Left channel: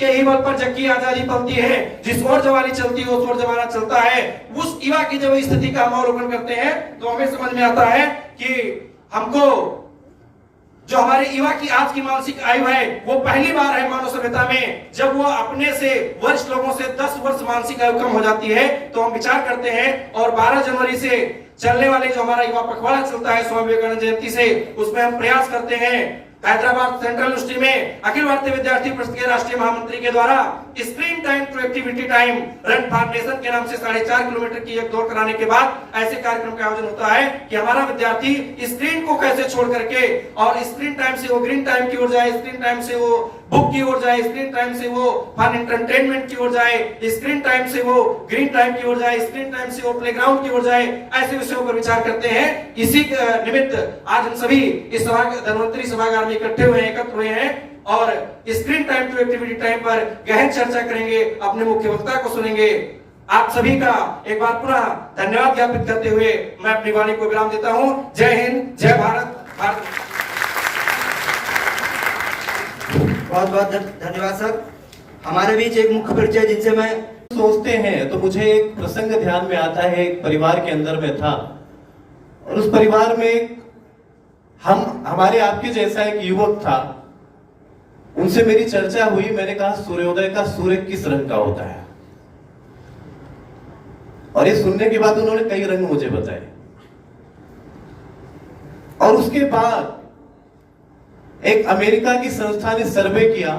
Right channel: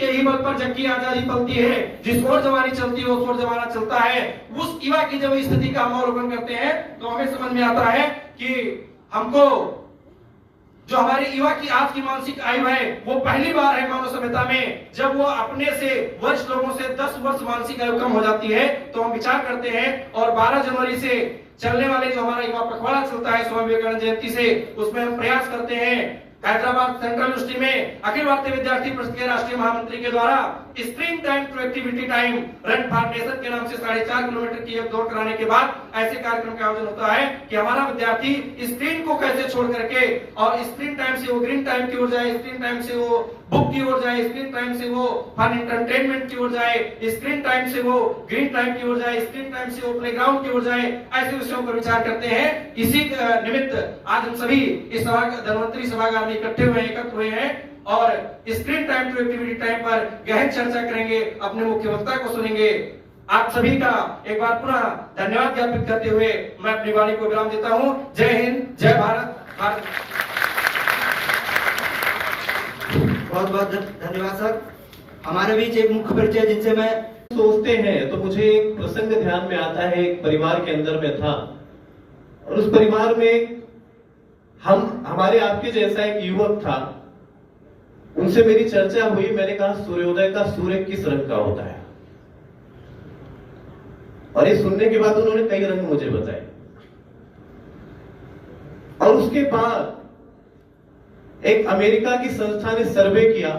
के ही बल पर जग की आजादी पलती है, जिस ओर जवानी चलती है उस ओर जमाना चलता है। उस युवा की जब स्थिति का हम अवलोकन करते हैं तो हमें समझ में आता है कि हमको जो हमारे युवा की आज की मानसिक आयु है वो पहली बार है मानव सभ्यता में जब वो अपने से वरिष्ठ लोगों से 10 वर्ष मानसिक आयु कम हो जाती है। तो हम विचार करते हैं और 12 जनवरी से चलने वाले जो हमारा युवा पखवाड़ा चलता है स्वामी विवेकानंद जयंती से, उसमें हम प्रयास करते हैं हैदराबाद सेंट्रल यूनिवर्सिटी में अखिल भारतीय विद्यार्थी परिषद के राष्ट्रीय महामंत्री के द्वारा screen time to activity time run for nation के नाम से 4.5 किलोमीटर की एक दौड़ कराने के बाद ऐसे कार्यक्रम का आयोजन होता है कि हमारा विद्यार्थी स्क्रीन को कैसे छोड़ करके और स्क्रीन टाइम से वो ग्रीन टाइम की ओर जाए, स्क्रीन टाइम से वो बुक की ओर जाए, स्क्रीन टाइम से वो फन एंटरटेनमेंट की ओर जाए, स्क्रीन टाइम से वो ग्रीन टाइम की ओर जाए, स्क्रीन टाइम से वो प्लेग्राउंड की ओर जाए। ऐसे विषयों पर विचार करते हैं। इसी निमित्त आज हम सभी इस धन्वंतरी सभागार में इकट्ठे हुए हैं, एकत्र हुए हैं और screen time to activity time पर गहन चर्चा करेंगे, अपने मुख्य वक्ता को सुनेंगे। आप सभी का एक बार पुनः धन्यवाद ज्ञापित करते हुए मैं अपनी वाणी को विराम देता हूं। जय हिंद, जय भारत। बहुत बहुत धन्यवाद सर। हमारे बीच एक मुख्य परिचय जिनसे मैं सोचते हैं तो मुझे एक प्रसंग ध्यान में आता है। एक परिवार के अंदर में था और उस परिवार में हमारे आपके जैसा एक युवक था। उनसे मेरी चर्चा हुई। मैंने कहा सूर्योदय का सूर्य किस रंग का होता है, और ये सुनने के बाद उन्होंने कई रंग मुझे बताए। और उसके बाद एक अमेरिका की संस्था ने सर्वे किया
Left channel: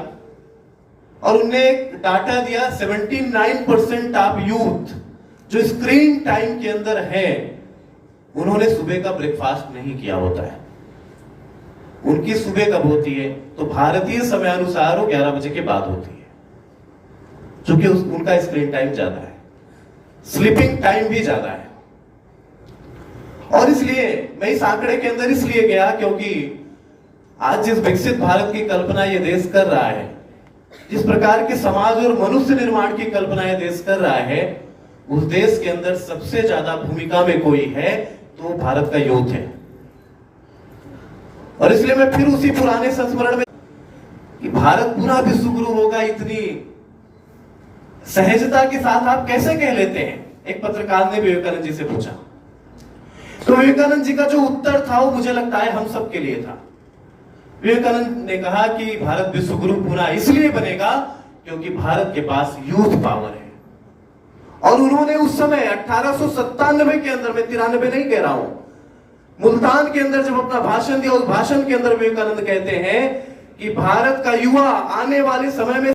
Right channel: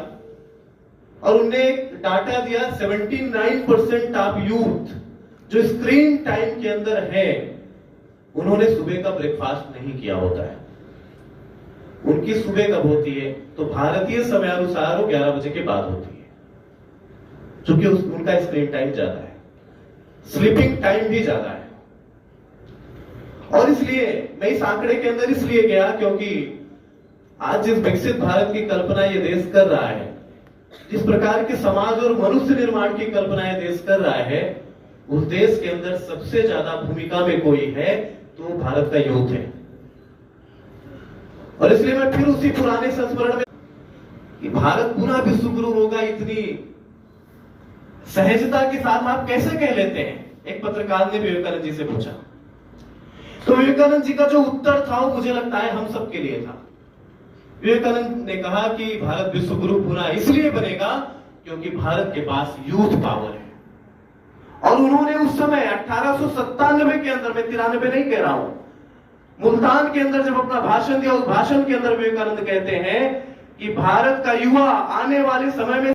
और उन्होंने एक डाटा दिया 79% ऑफ यूथ जो स्क्रीन टाइम के अंदर है उन्होंने सुबह का ब्रेकफास्ट नहीं किया होता है। उनकी सुबह कब होती है तो भारतीय समय अनुसार वो 11 बजे के बाद होती है, क्योंकि उनका स्क्रीन टाइम ज्यादा है, स्लीपिंग टाइम भी ज्यादा है। और इसलिए मैं इस आंकड़े के अंदर इसलिए गया क्योंकि आज जिस विकसित भारत की कल्पना ये देश कर रहा है, जिस प्रकार के समाज और मनुष्य निर्माण की कल्पना ये देश कर रहा है, उस देश के अंदर सबसे ज्यादा भूमिका में कोई है तो भारत का यूथ है। और इसलिए मैं फिर उसी पुराने संस्मरण में कि भारत पुनः विश्व गुरु होगा, इतनी सहजता के साथ आप कैसे कह लेते हैं, एक पत्रकार ने विवेकानंद जी से पूछा। तो विवेकानंद जी का जो उत्तर था वो मुझे लगता है हम सबके लिए था। विवेकानंद ने कहा कि भारत विश्व गुरु पुनः इसलिए बनेगा क्योंकि भारत के पास यूथ पावर है। और उन्होंने उस समय 1897 के अंदर, मैं 93 नहीं कह रहा हूं, मुल्तान के अंदर जब अपना भाषण दिया, उस भाषण के अंदर विवेकानंद कहते हैं कि भारत का युवा आने वाले समय में